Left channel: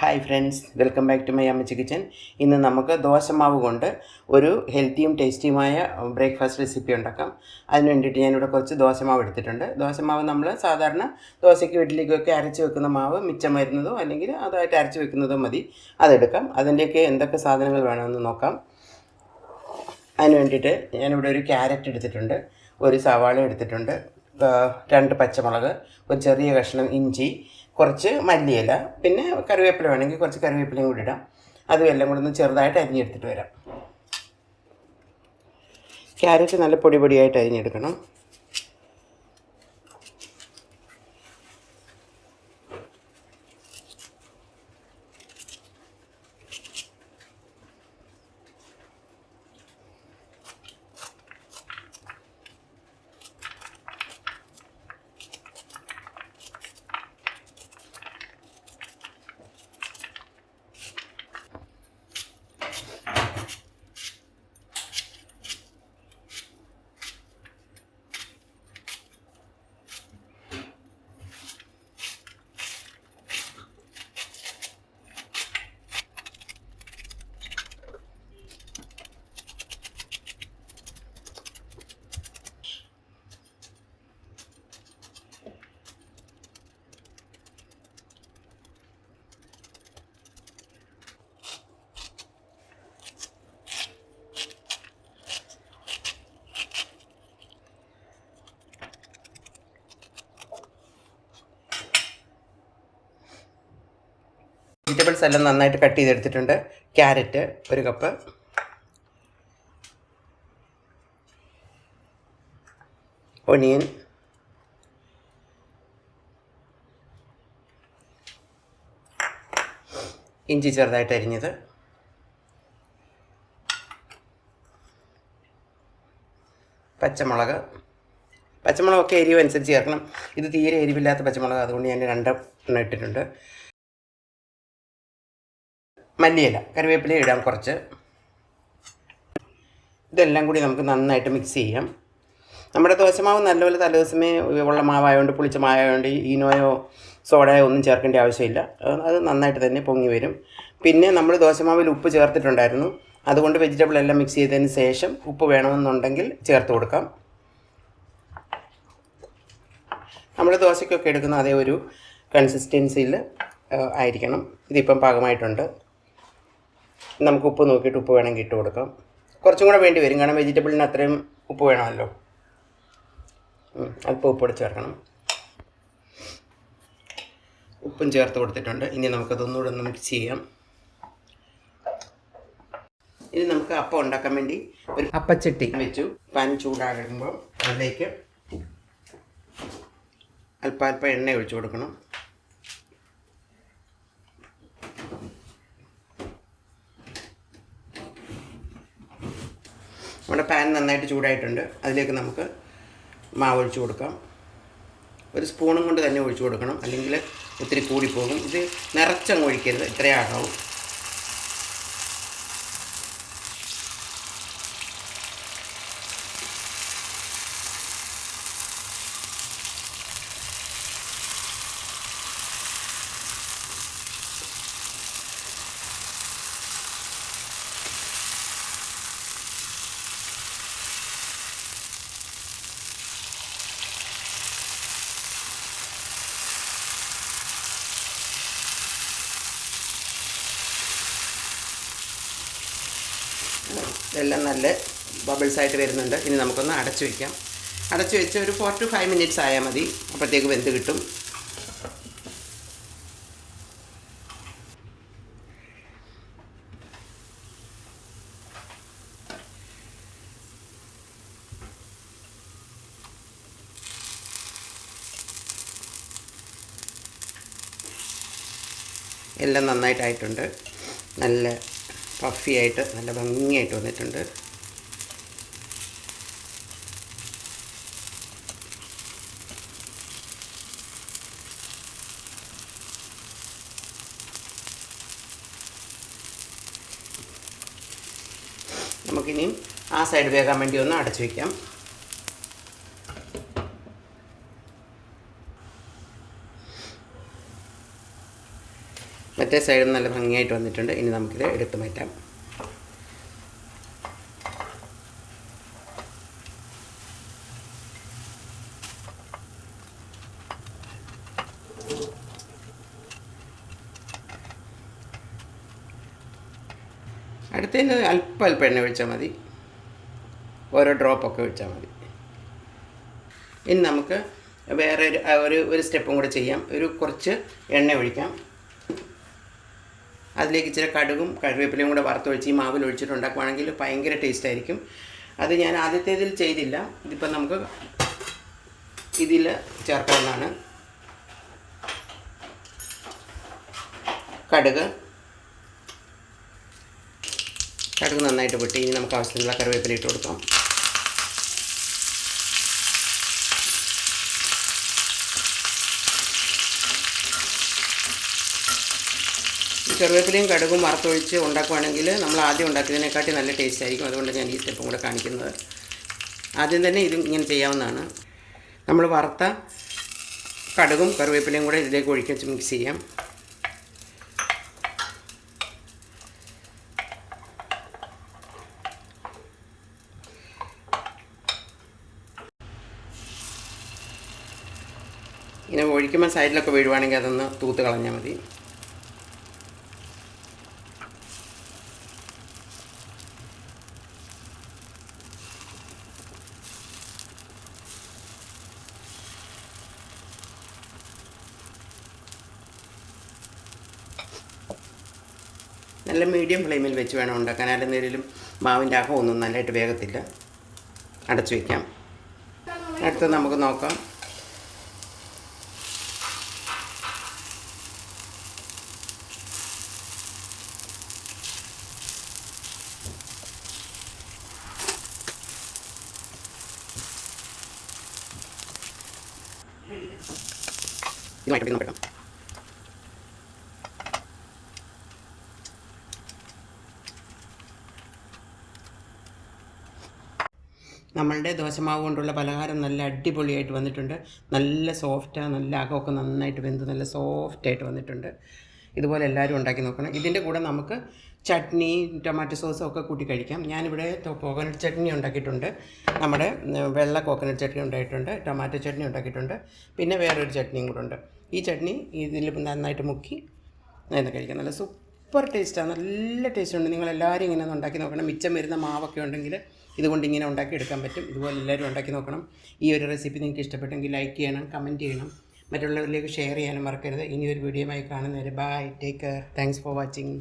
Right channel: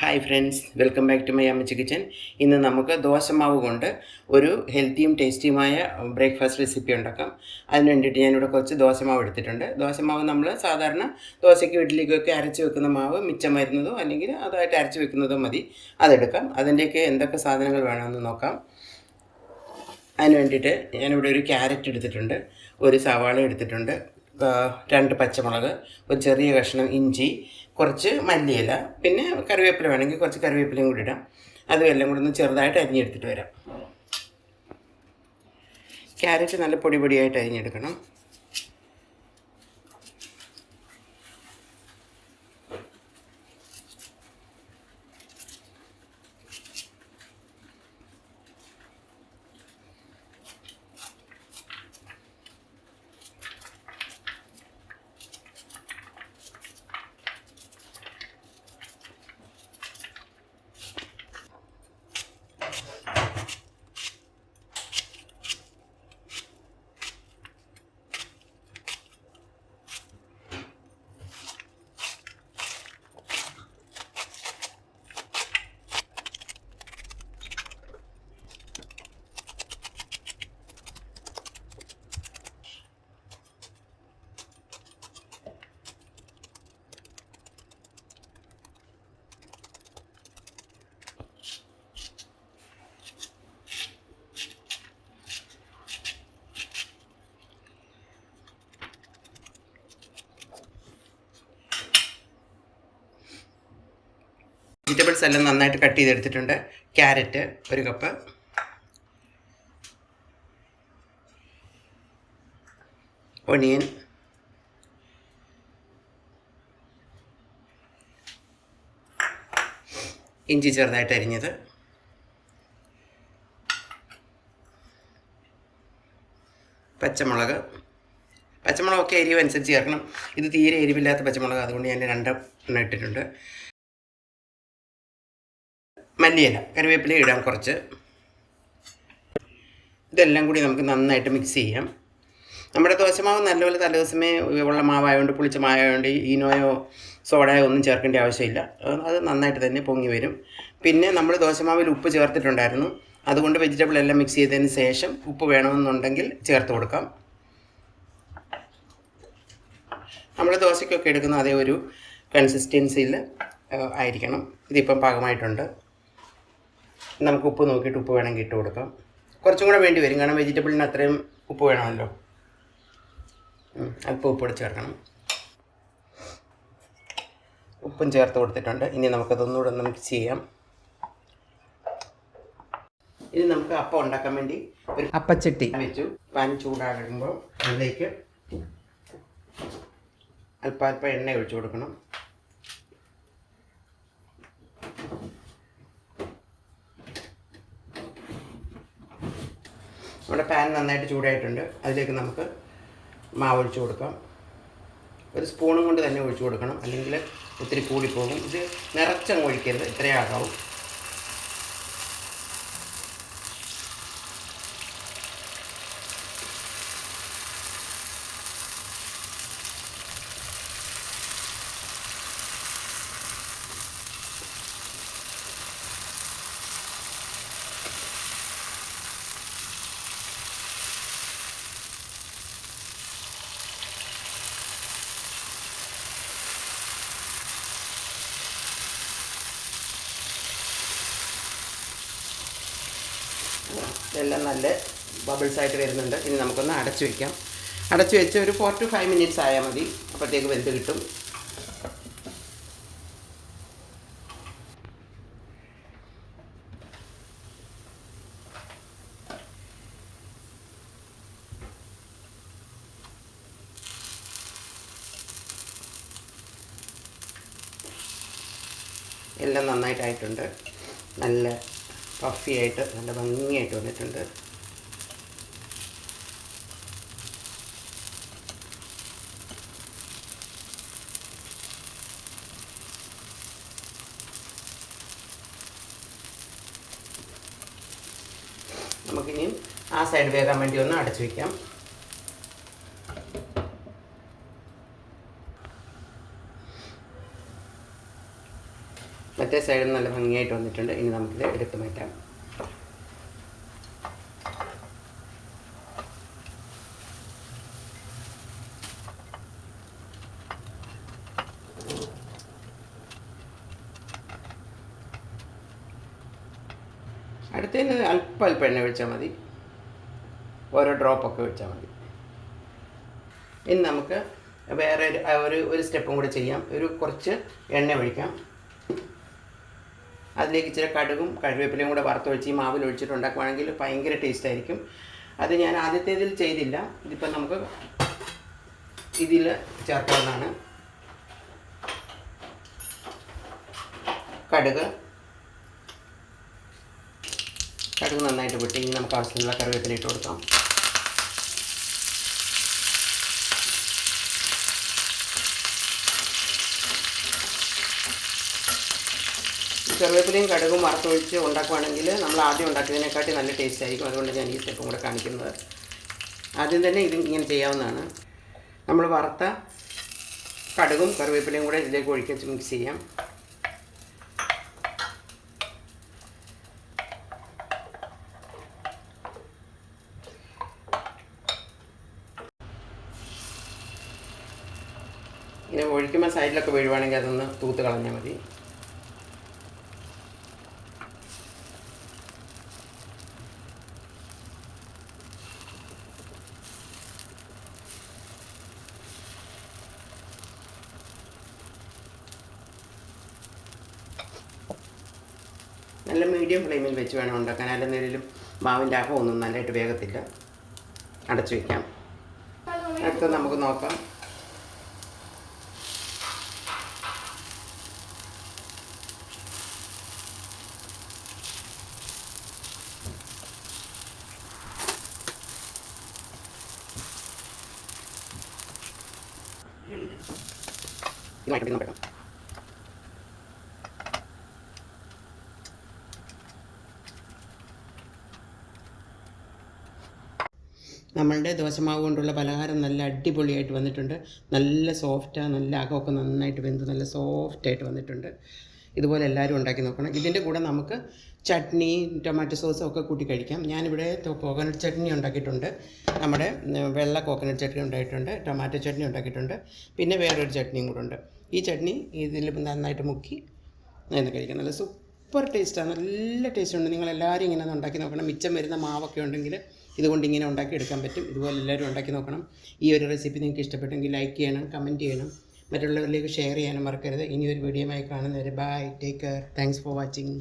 Hi friends welcome back to my അമ്മച്ചി kitchen ഇന്ന് നമുക്ക് ദോശമാവ് കൊണ്ട് ഒരു ഹെൽത്തിയും ടേസ്റ്റിയുമായ ബ്രേക്ക്ഫാസ്റ്റ് റെസിപ്പി ഉണ്ടാക്കാം. അതിന് വേണ്ടിയിട്ട് ഞാനിവിടെ കുറച്ച് ദോശമാവ് എടുത്തിട്ടുണ്ട്. ദോശമാവ് നമ്മൾ സാധാരണ ദോശയ്ക്ക് ഇഡ്ഡലിക്കൊക്കെ അരച്ച് വെക്കുന്ന മാവ് മിച്ചം വരുന്നതോ അല്ലെങ്കിൽ അതായിട്ട് അരച്ച് വെക്കുന്നതോ മതി. അതെടുക്കാം. അതിന്റെയൊക്കെ എന്തൊക്കെ സാധനങ്ങൾ വേണമെന്ന് നോക്കാം. അതിന് വേണ്ടിയിട്ട് ഞാനിവിടെ ഒരു ക്യാരറ്റ് എടുത്തിട്ടുണ്ട്. ഒരു സവാള എടുത്തിട്ടുണ്ട്. രണ്ട് പച്ചമുളക് ഒരു ചെറിയ കഷ്ണം ഇഞ്ചി കുറച്ച് മല്ലിയില പിന്നെ കറിവേപ്പില വേണമെങ്കിൽ കുറച്ച് കറിവേപ്പിലയും കൂടി ഇടാം. അതും എല്ലാം കൂടെ ഒന്ന് ചെറുതായിട്ട് അരിഞ്ഞെടുത്തിട്ട് വരാം. ക്യാരറ്റ് നല്ല പൊടി പൊടിയായിട്ട് അരിഞ്ഞെടുക്കണം. വെജിറ്റബിൾസ് എല്ലാം നന്നായിട്ട് കട്ട് ചെയ്തെടുത്തിട്ടുണ്ട്. ക്യാരറ്റ് ഒരു കപ്പ്. ഒണിയൻ ഇഞ്ചി ചെറുതായിട്ട് അരിഞ്ഞത്. പച്ചമുളക്. പച്ചമുളകൊക്കെ എരിവ് അനുസരിച്ച് ചേർക്കണം. ഇത് തീരെ എരിവില്ലാത്ത പച്ചമുളക്. അതുകൊണ്ട് ഞാൻ രണ്ടെണ്ണം ഇട്ടിട്ടുണ്ട്. മല്ലിയില കറിവേപ്പില ഇടാം കുറച്ച്. ഇതെല്ലാം കൂടി നമുക്ക് നന്നായിട്ട് മിക്സ് ചെയ്യാം. നമ്മുടെ ദോശമാവ് നല്ലപോലെ തലേദിവസമേ ഉള്ള മാവായതുകൊണ്ട് പുളിച്ച മാവായതുകൊണ്ട് ഈനോയോ സോഡയോ ഒന്നും ചേർക്കേണ്ട ആവശ്യമില്ല. അത് നന്നായിട്ട് തന്നെ പൊങ്ങി വരും. പിന്നെ നമ്മൾ ദോശമാവിൽ ഉപ്പ് ചേർത്തിട്ടുണ്ടായിരുന്നു. അതുകൊണ്ട് വെജിറ്റബിൾ എല്ലാം മിക്സ് ചെയ്തതിന് ശേഷം ഉപ്പ് വേണമെന്നുണ്ടെങ്കിൽ ചേർത്ത് കൊടുക്കാം. നമ്മൾ ദോശയ്ക്കൊക്കെ എടുക്കുന്ന അതേ ഒരു കൺസിസ്റ്റൻസിയിൽ ആയിരിക്കണം. ഇതിപ്പം പാകമായിട്ടുണ്ട്. നമുക്ക് ഉപ്പ് നോക്കിയിട്ട് ഉപ്പ് വേണമെങ്കിൽ ഇട്ട് കൊടുക്കാം. കുറച്ചും കൂടെ വേണ്ടി വരും. കാരണം വെജിറ്റബിളിന് അത്രയും ഉപ്പ് വേണമല്ലോ. അല്പം ഉപ്പ് ചേർക്കണം. ഉപ്പും ചേർത്ത് കൊടുത്തിട്ടുണ്ട്. ഇനി നമുക്കതൊന്നുകൂടെ ഒന്ന് മിക്സ് ചെയ്യാം. ഇനി നമുക്ക് അപ്പം ഉണ്ടാക്കാൻ വേണ്ടി ഒരു അപ്പച്ചട്ടി. വെച്ചു. പാൻ ചൂടാകുമ്പോൾ അതിലേക്ക് അല്പം അല്പം എണ്ണ ഒഴിച്ചു കൊടുക്കണം. നമ്മുടെ പാൻ നന്നായിട്ട് ചൂടായിട്ടുണ്ട്. അതിലേക്ക് നമുക്ക് മാവ് ഒഴിച്ചു കൊടുക്കാം. ഒരു സ്പൂണും കൊണ്ട് തന്നെ ഒഴിച്ചു കൊടുക്കണം. അല്ലെങ്കിൽ ഒത്തിരി കൂടിപ്പോകും. ഇത് നിറച്ചങ്ങ് ഒഴിക്കരുത്. ഇത്രയേ ആകാവും. ഇതെല്ലാം നല്ല ബബിൾസ് ആയിട്ട് വരുന്നുണ്ട്. ഇനി നമുക്കൊന്ന് അടച്ചു വയ്ക്കാം അടച്ചു വെച്ച് ഒരു ഫോർ ടു ഫൈവ് മിനിറ്റ്സ് ആയാൽ മതി. അപ്പോഴത്തേക്ക് വെന്ത് കിട്ടും. എല്ലാം നന്നായിട്ടായിട്ടുണ്ട്. നല്ല പഫി ആയിട്ട് നല്ല ഭംഗിയായിട്ട് വന്നിട്ടുണ്ട്. നമുക്കിനിയും ആ സൈഡ് വേകാൻ വേണ്ടി ഒന്ന് അടച്ചു വയ്ക്കാം മറ്റേ സൈഡിൽ നല്ല ഭംഗിയായിട്ട് വന്നിട്ടുണ്ട്. ഇനി നമുക്കിത് എടുത്ത് മാറ്റാം. അടുത്തതിന് അല്പം അല്പം എണ്ണ ഒഴിച്ചാൽ മതി. ഓരോ ഡ്രോപ്പൊക്കെ ഒഴിച്ചാൽ മതി. ഇനി നമുക്ക് വേറെ ഒരു ഒരു ഒരു സ്റ്റെപ്പും കൂടെ ചെയ്യാം. ഒരു കുറച്ച് എണ്ണ ഒഴിക്കാം. അതിലേക്ക് ഇച്ചിരി കടുകും കറിവേപ്പിലയും കൂടെ വറുത്തൊഴിച്ച് ഈ മാവിൽ ഒഴിച്ചിട്ട് ഉണ്ടാക്കുവാണെങ്കിൽ ഭയങ്കര ടേസ്റ്റ് ആയിരിക്കും അത് ഞാൻ ആദ്യത്തേതിൽ ചെയ്തില്ല. ഇതിപ്പോൾ നമുക്ക് ഇതിൽ ചേർക്കാവുന്നതാണ് കടുക്. കടുക് നന്നായിട്ട് പൊട്ടി ഇനി നമുക്ക് ആവശ്യത്തിനുള്ള കറിവേപ്പില ഇട്ട് കൊടുക്കാം. കറിവേപ്പിലയും കടുകും വറുത്തൊഴിച്ച് ഉണ്ടാക്കുവാണെങ്കിൽ നമ്മൾ ആദ്യം ഉണ്ടാക്കിയതിനെക്കാട്ടി നല്ല ടേസ്റ്റ് ആയിരിക്കും. അതുകൊണ്ട് ഞാൻ ഈ സ്റ്റെപ്പും കൂടെ കാണിക്കുന്നത്. ആദ്യം തന്നെ ഇത് ഇങ്ങനെ ചെയ്യാവുന്നതാണ്. നമ്മൾ വറുത്ത കടുകും കറിവേപ്പിലയും കൂടെ ഇതിലേക്ക് ഒഴിച്ച് മിക്സ് ചെയ്യാം. ഇങ്ങനെ ഒഴിക്കുമ്പോൾ സൈഡിലൊക്കെ വീഴുവാണെങ്കിൽ അതൊന്ന് തൂത്ത് കളഞ്ഞാൽ മതി. നല്ല മീഡിയം ഫ്ലെയിമിൽ വെച്ച് വേണം ഉണ്ടാക്കാൻ. അല്ലെന്നേലും മാവിന്റെ അകമൊന്നും നല്ലതായിട്ട് വേഗത്തില്ല അടച്ചു വയ്ക്കാം അടുത്ത നമുക്ക് നോക്കാം. ഇതുമായിട്ട് നമുക്ക് നമ്മളുടെ ദോശമാവ് കൊണ്ടുള്ള പലഹാരം നല്ല അടിപൊളിയായിട്ട് വന്നിട്ടുണ്ട്. നല്ല സോഫ്റ്റാണ് നല്ല അകമൊക്കെ നന്നായിട്ട് വെന്ത് നല്ല സോഫ്റ്റായിട്ട് വന്നിട്ടുണ്ട്. ഇതുപോലെ എല്ലാവരും ഉണ്ടാക്കി നോക്കണം. ഇതിന്റെ കൂടെ നമുക്ക് ചട്നി ടൊമാറ്റോ സോസും ഒക്കെ കൂട്ടി കഴിക്കാം. ഞാനിവിടെ കോക്കനട്ട് ചട്നി ഉണ്ടാക്കിയിട്ടുണ്ട്. നമ്മുടെ വെള്ള കോക്കനട്ട് ചട്നി ഉണ്ടായിട്ടുണ്ട് ടൊമാറ്റോ ചട്നി ഉണ്ടാക്കിയിട്ടുണ്ട്. പിന്നെ വേറൊരു ചട്നിയും കൂടെ ഉണ്ട്. ഈ ചട്നി ഇതിൽ നന്നായിട്ട് മുക്കി നന്നായി കഴിക്കാം. നല്ല സൂപ്പർ ടേസ്റ്റാണ് നല്ല ടേസ്റ്റ് ഉണ്ട്. നിങ്ങൾ എല്ലാവരും ഇങ്ങനെ ഉണ്ടാക്കി നോക്കണം. മിച്ചം വരുന്ന മാവൊക്കെ ഉണ്ടെങ്കിൽ ഇതുകൊണ്ട് ഇങ്ങനെ ഉണ്ടാക്കി എടുക്കാൻ പറ്റും. ഇതുപോലെ എല്ലാവരും ഉണ്ടാക്കി നോക്കണം. ഈ ഒരു റെസിപ്പി നിങ്ങൾക്ക് ഇഷ്ടപ്പെട്ടെങ്കിൽ ലൈക്ക് ചെയ്യണം കമന്റ് ചെയ്യണം. മറ്റുള്ളവരിലേക്ക് ഷെയർ ചെയ്യാനും മറക്കരുത്. ഇനി ഒരു വീഡിയോയുമായി കാണുന്നവരെ bye take care thanks for watching